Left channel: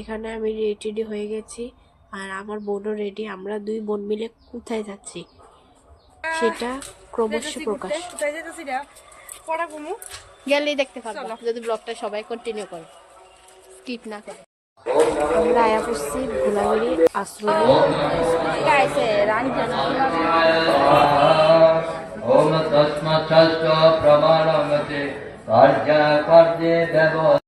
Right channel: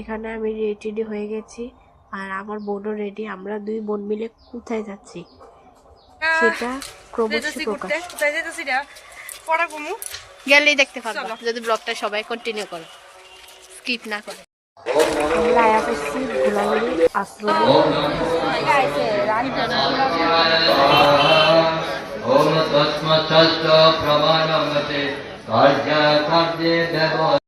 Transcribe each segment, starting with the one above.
এখানে আমি রেডি হয়ে গেছি আর আমার বোনও রেডি। আমরা দুই বোন মিলে কোথায় যাচ্ছি সেটা ক্রমশ প্রকাশ। কোথায় যেতেছি না পড়া কমু গেলেই দেখতে পারবো যদি ব্লগটা সবাই কন্টিনিউ করে, স্কিপ না করে। আমরা আয়া পড়ছি ভোলাগিরি আশ্রমে। ওম তস্মাৎ প্রমাণমতে কার্যে ব্যবহার।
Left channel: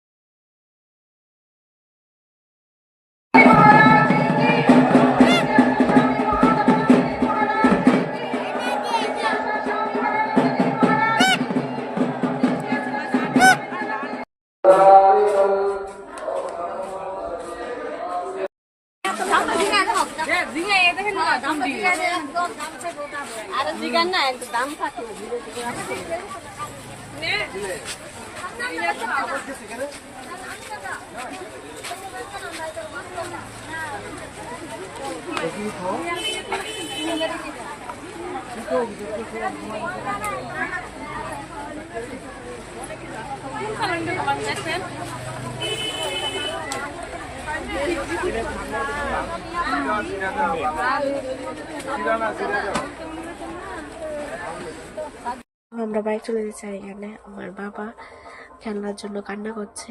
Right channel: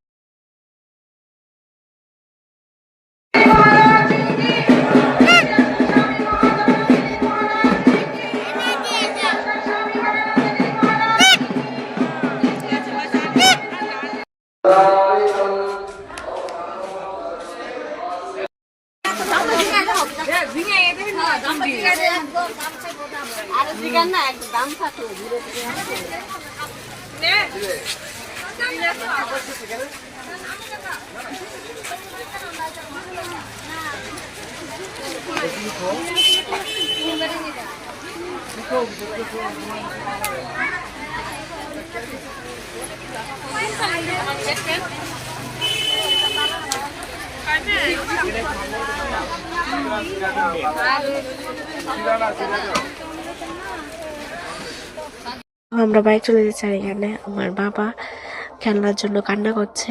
আমরা বাইক চলে যাচ্ছি আর এখানে আমার বাবা খেলনার জন্য কান্না করছে।